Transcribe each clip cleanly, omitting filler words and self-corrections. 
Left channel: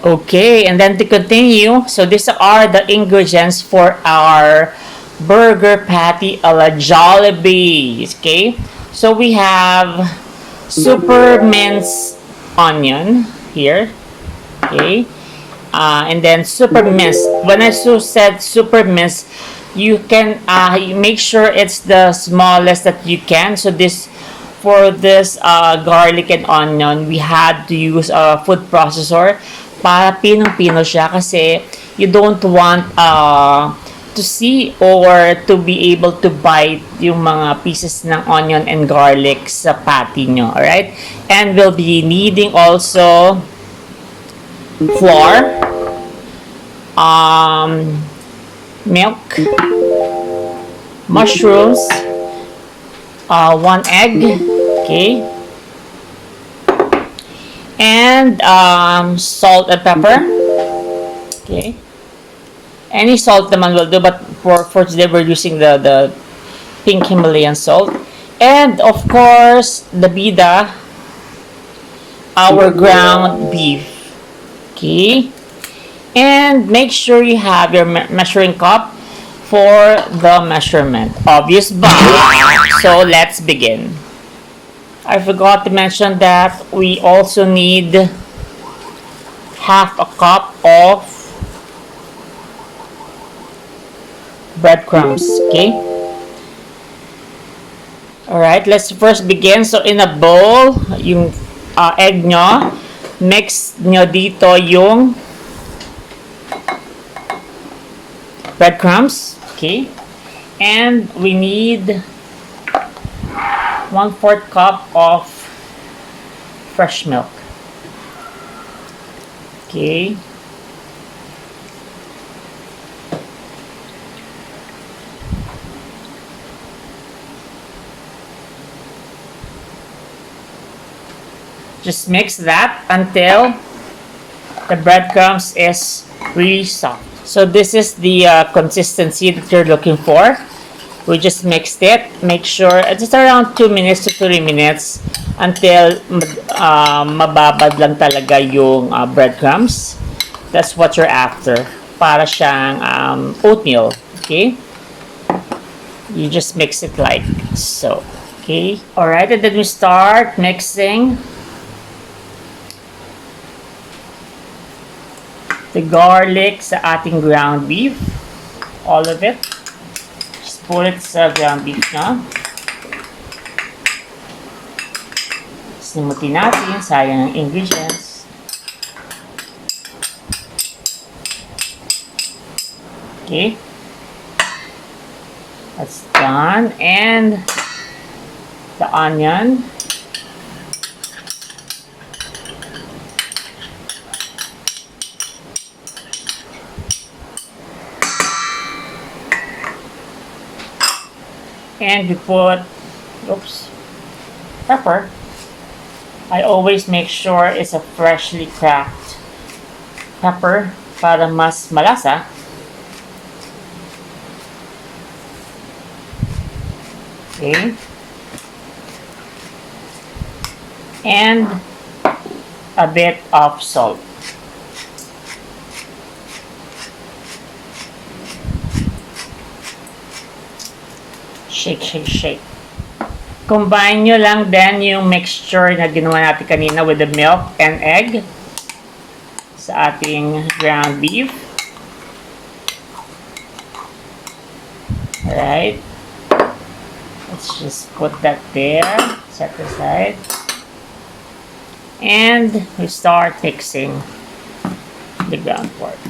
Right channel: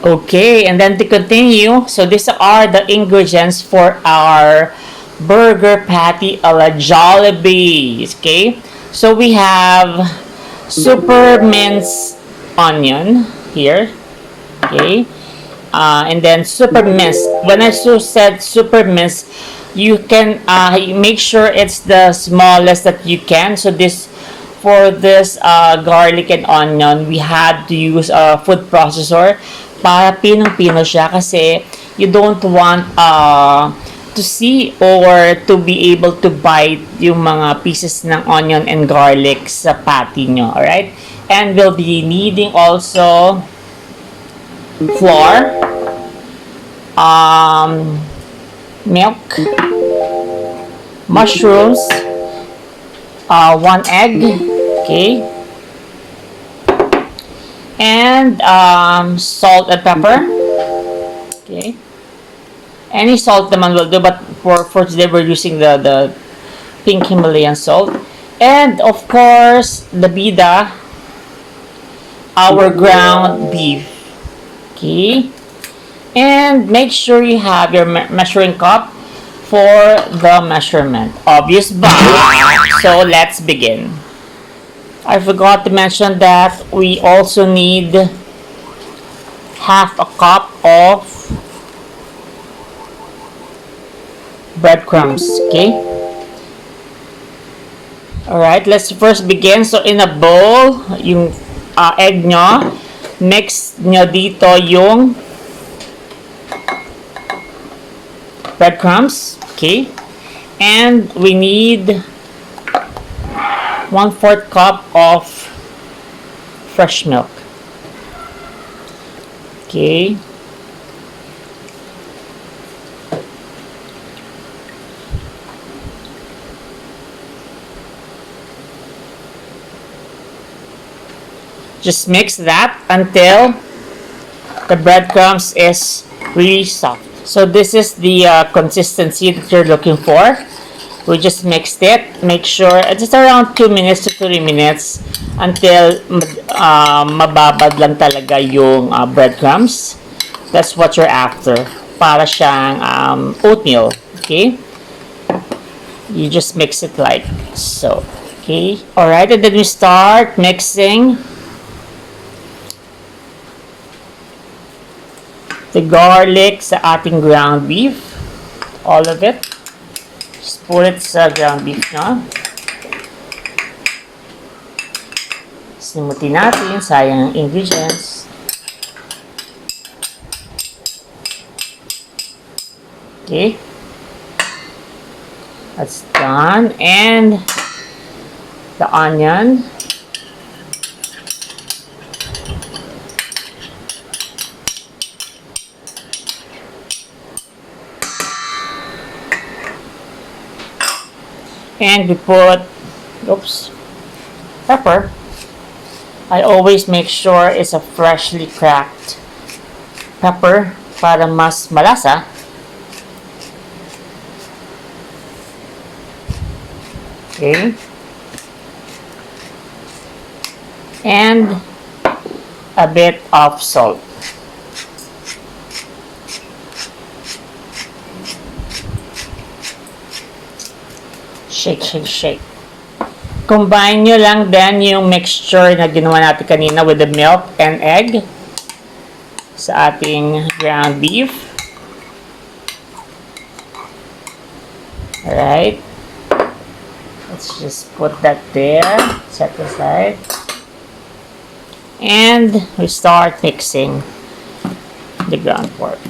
Okay, and then to continue, so these are the ingredients for our burger patty a la Jollibee. Okay, so we have super minced onion here. Okay, and then super minced. When I said super minced, you can you make sure it's the smallest that you can. So this for this garlic and onion, we had to use a food processor para pinong-pino siya kasi you don't want to see or to be able to bite yung mga pieces ng onion and garlic sa patty nyo. Alright? And we'll be needing also flour, milk, mushrooms, 1 egg, okay, and salt and pepper, okay. Any salt naman will do, but for today we're using the pink Himalayan salt, and of course the bida, our ground beef, okay. And make sure you have your measuring cup for the measurement. Obvious ba? So let's begin. I forgot to mention that we also need half a cup of breadcrumbs. Okay? Alright, let's first begin. So in a bowl, yung egg nyo, mix nyo dito yung breadcrumbs. Okay? And we need 1/4 cup of fresh milk. Okay. Just mix that until the breadcrumbs is really soft. So this is the consistency that you're looking for. We just mixed it. Make sure it's around 2 minutes to 3 minutes until mababad lang talaga yung breadcrumbs. That's what you're after. Para siyang oatmeal. Okay? You just mix it like so. Okay? Alright, and then we start mixing the garlic sa ating ground beef. All of it. Just put it sa ground beef na. Sinimutin natin. Sayang ang ingredients. Okay. That's done. And the onion. And we put, pepper. I always make sure it's a freshly cracked pepper para mas malasa. Okay. And a bit of salt. Shake, shake, shake. Combine nyo lang then yung mixture na ginawa natin kanina with the milk and egg sa ating ground beef. Alright. Let's just put that there. Set aside. And we start mixing the ground pork.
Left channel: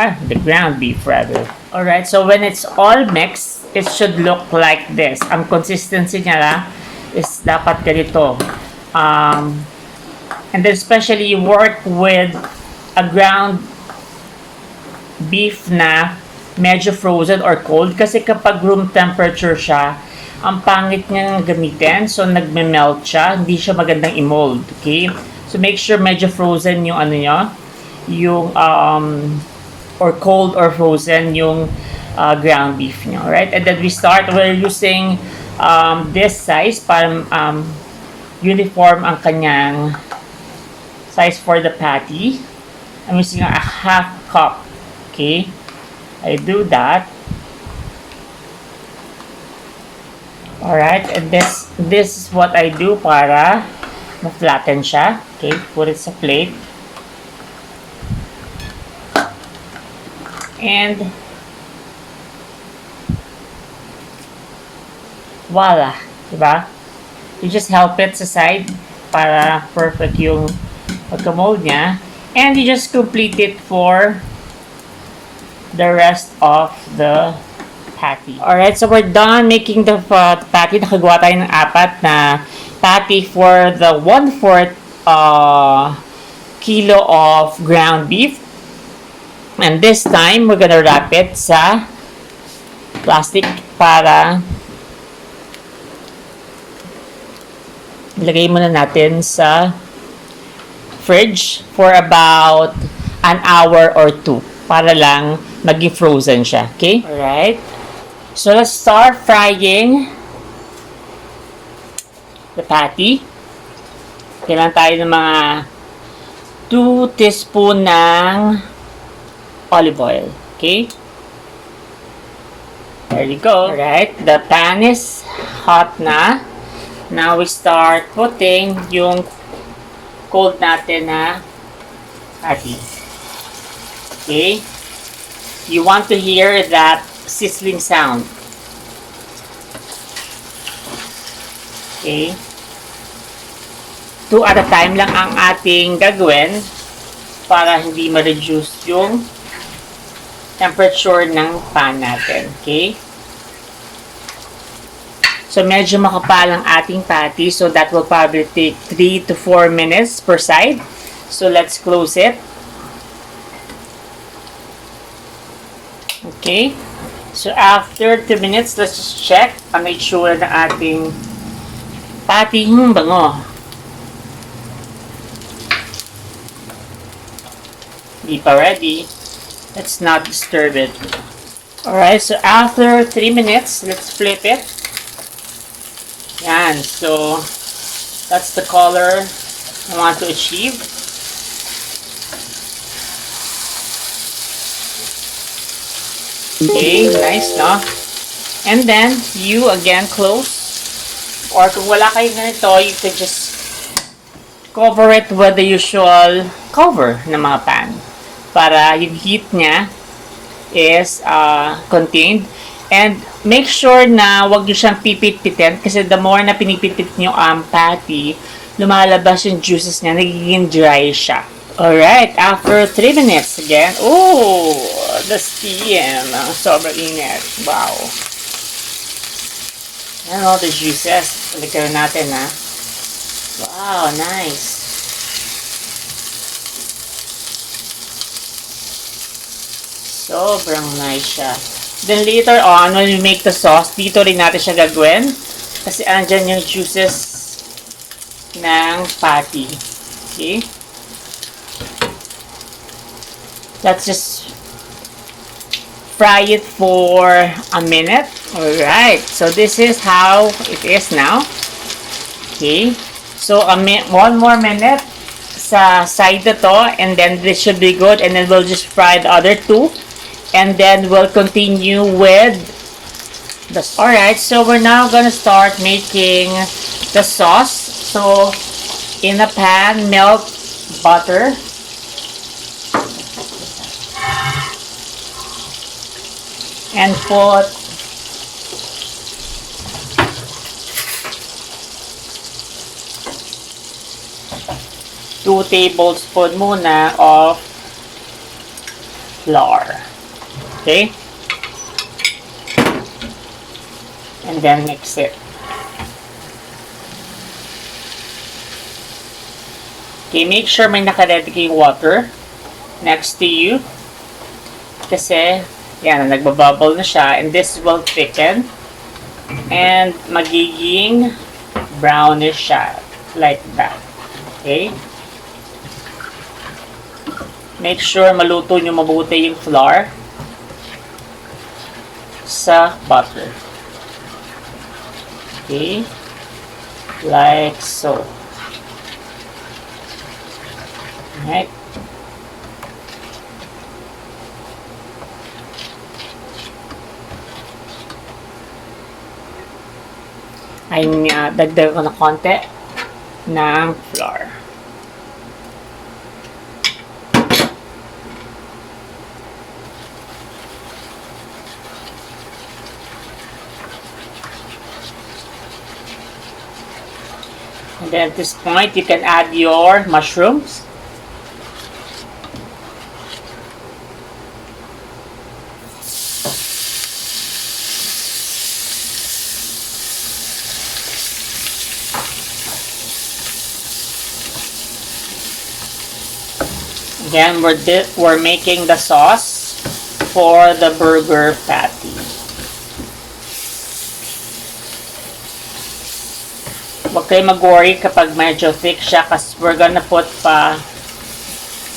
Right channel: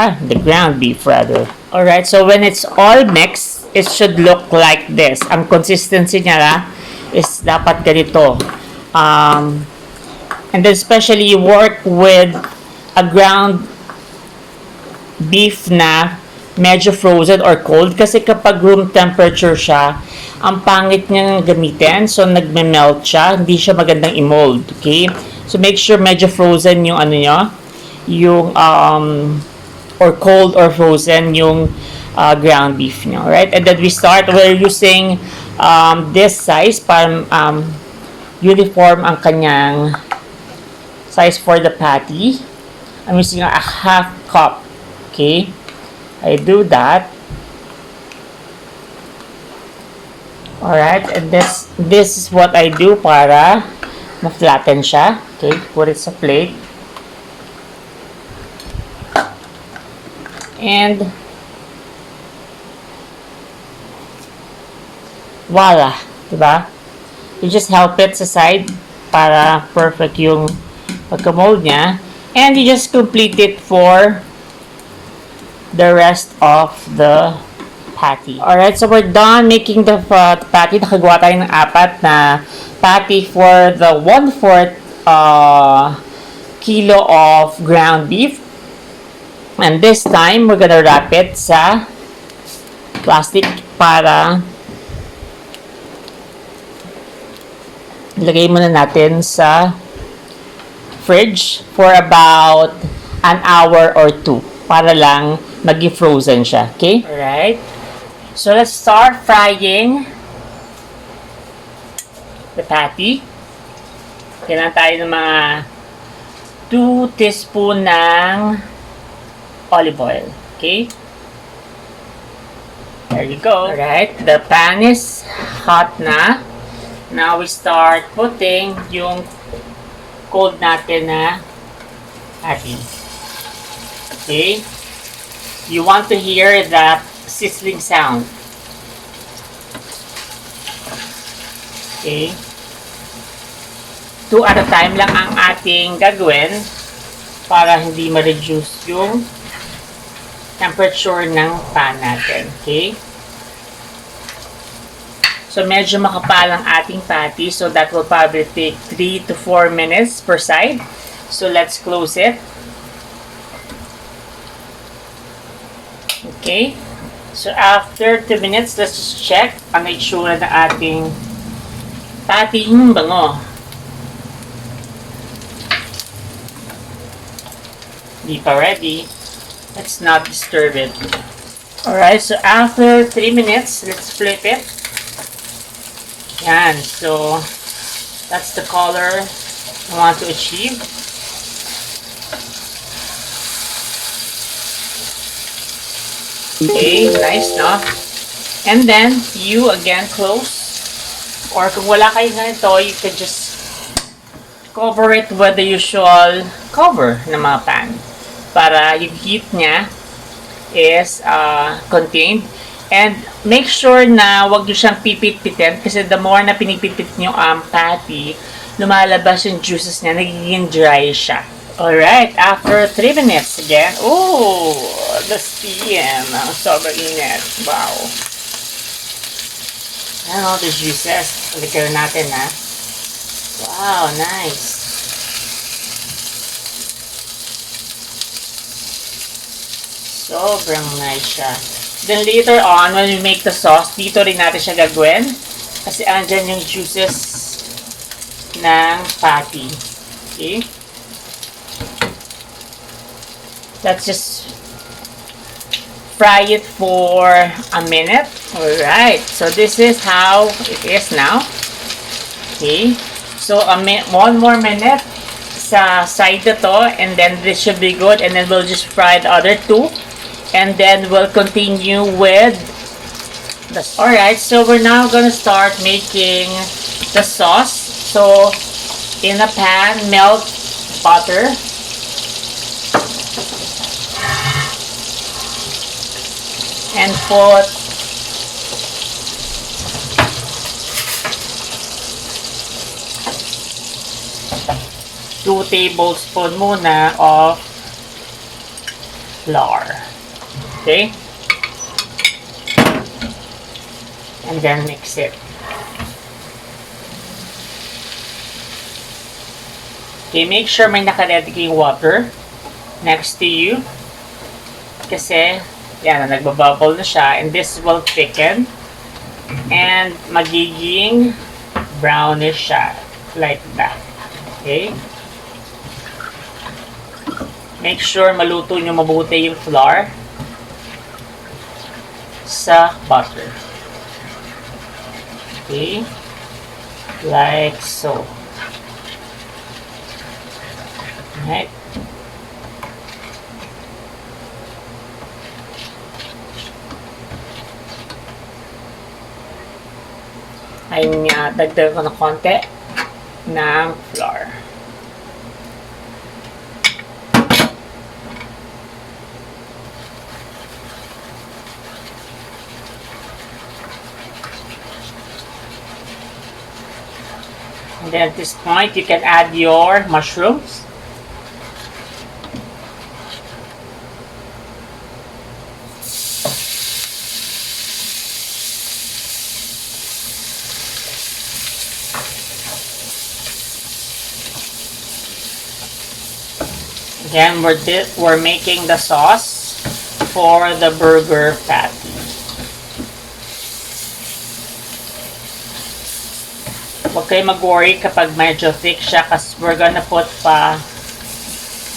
The ground beef rather. Alright, so when it's all mixed, it should look like this. Ang consistency niya is dapat ganito. And then especially you work with a ground beef na medyo frozen or cold kasi kapag room temperature siya, ang pangit niyang gamitin. So nagme-melt siya, hindi siya magandang i-mold. Okay? So make sure medyo frozen yung ano niya, yung or cold or frozen yung ground beef nyo, right? And then we're using this size para uniform ang kanyang size for the patty. I'm using a half cup. Okay? I do that. Alright, and this is what I do para ma-flatten siya. Okay, put it sa plate. And voila, diba? You just help it sa side para perfect yung pagka-mold niya. And you just complete it for the rest of the patty. Alright, so we're done making the patty. Nakagawa tayo ng 4 na patty for the 1/4 kilo of ground beef. And this time, we're gonna wrap it sa plastic para ilagay muna natin sa fridge for about an hour or 2 para lang maging frozen siya. Okay? Alright. So, let's start frying the patty. Kailangan tayo ng mga 2 teaspoon ng olive oil. Okay? There you go. Alright. The pan is hot na. Now, we start putting yung cold natin na patty. Okay? You want to hear that sizzling sound. Okay? 2 at a time lang ang ating gagawin para hindi ma-reduce yung temperature ng pan natin. Okay? So, medyo makapal ang ating patty. So, that will probably take 3 to 4 minutes per side. So, let's close it. Okay? So, after 2 minutes, let's just check ang itsura ng ating patty. Bango. Hindi pa ready. Let's not disturb it. Alright, so after 3 minutes, let's flip it. Yan. So, that's the color I want to achieve. Okay, nice, no? And then, you again close. Or kung wala kayo ganito, you can just cover it with the usual cover ng mga pan. Para yung heat niya is contained. And make sure na wag nyo siyang pipit-pitin kasi the more na pinipipit nyo ang patty, lumalabas yung juices niya, nagiging dry siya. Alright, after 3 minutes again. Oh, the steam. Sobrang init. Wow. And all the juices. Balikan natin, ha. Wow, nice. Sobrang nice siya. Then later on, when we make the sauce, dito rin natin siya gagawin. Kasi andyan yung juices ng patty. Okay? Let's just fry it for a minute. Alright, so this is how it is now. Okay, so 1 more minute sa side na to, and then this should be good, and then we'll just fry the other 2, and then we'll continue with the... Alright, so we're now gonna start making the sauce. So in a pan, melt butter. And put two tablespoons muna of flour. Okay? And then mix it. Okay, make sure may naka-ready kayong water next to you. Kasi yan, nagbabubble na siya, and this will thicken and magiging brownish siya like that. Okay? Make sure maluto nyo mabuti yung flour sa butter. Okay? Like so. Alright? ay dagdag ko ng konti ng flour. And then at this point, you can add your mushrooms. Again, we're making the sauce for the burger patty. Huwag kayo mag-worry kapag medyo thick siya kasi we're gonna put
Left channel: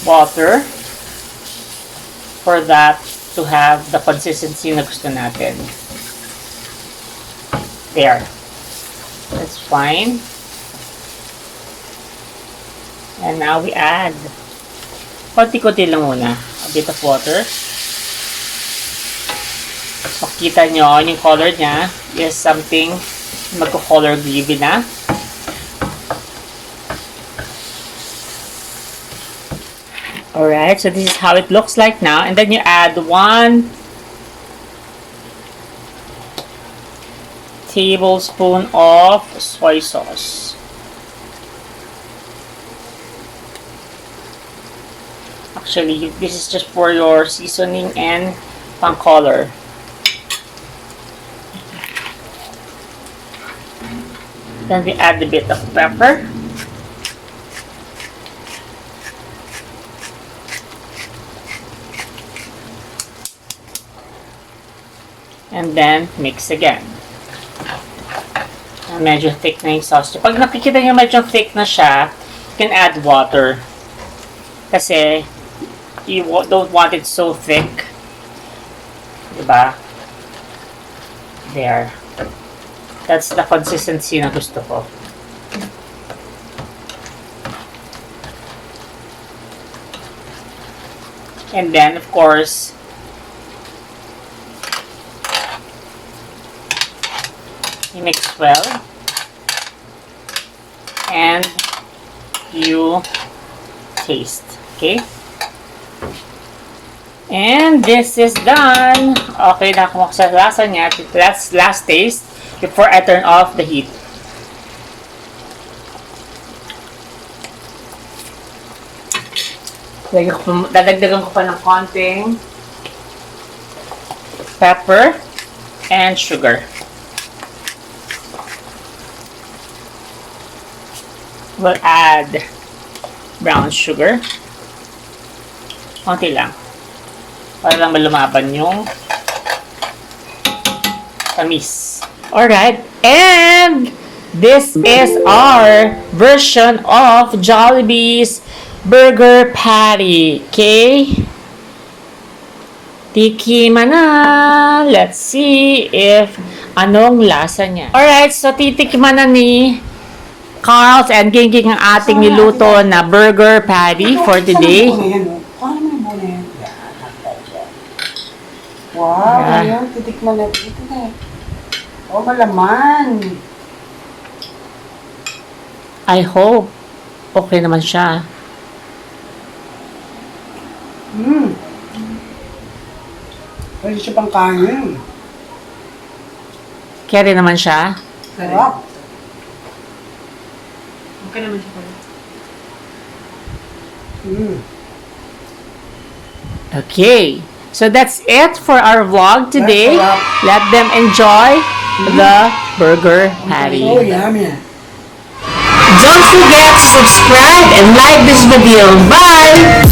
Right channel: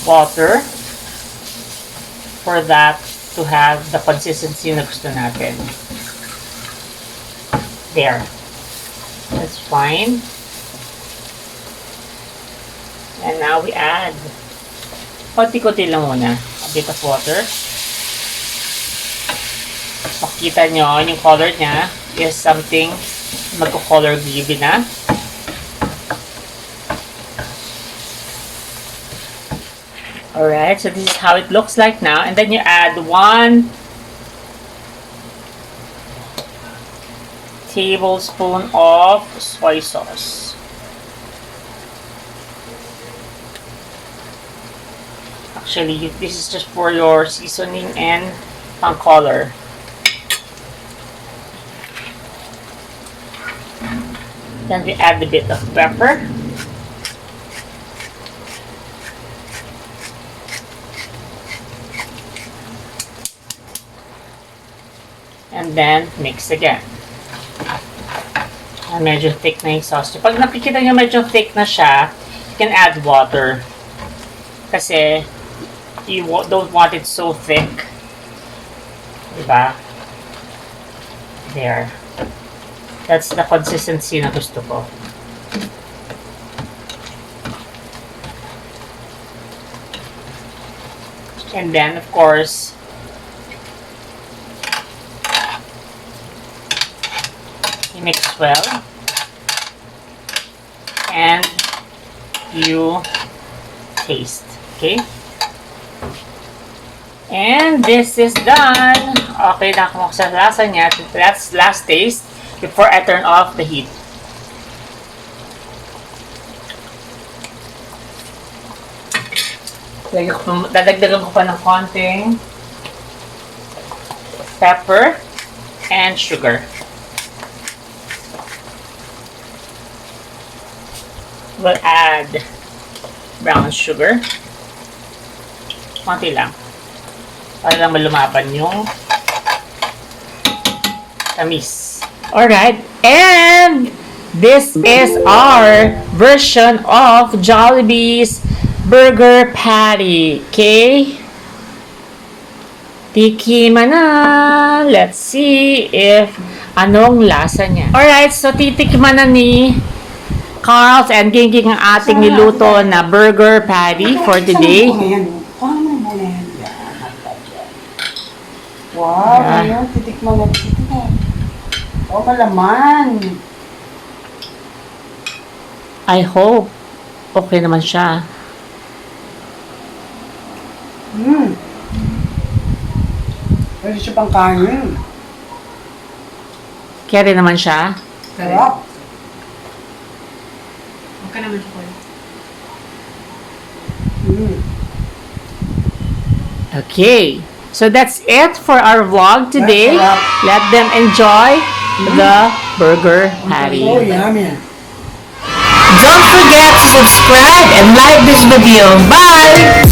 water for that to have the consistency na gusto natin. There. That's fine. And now we add konti-konti lang muna. A bit of water. Makita nyo, yung color niya is something magko-color gravy na. Alright, so this is how it looks like now. And then you add 1 tablespoon of soy sauce. Actually, this is just for your seasoning and pang color. Then we add a bit of pepper. And then mix again. Medyo thick na yung sauce. Pag nakikita nyo medyo thick na siya, you can add water. Kasi you don't want it so thick. Diba? There. That's the consistency na gusto ko. And then, of course, you mix well. And you taste. Okay? And this is done. Okay, nakakuha ko sa lasa niya. That's last taste before I turn off the heat. Dadagdagan ko pa ng konting pepper and sugar. We'll add brown sugar. Konti lang. Para lang malumaban yung tamis. Alright, and this is our version of Jollibee's Burger Patty. Okay? Tikiman na. Let's see if anong lasa niya. Alright, so titikman na ni Carl and Gingging ang ating niluto na burger patty for today. Wow, ngayon, titikman na dito eh. Oh, malaman. I hope okay naman siya. Pwede siya pang kanin. Kaya rin naman siya. Sarap. Okay naman siya, Kuya. Okay. So that's it for our vlog today. Let them enjoy the burger patty. Oh, yummy. Don't forget to subscribe and like this video. Bye!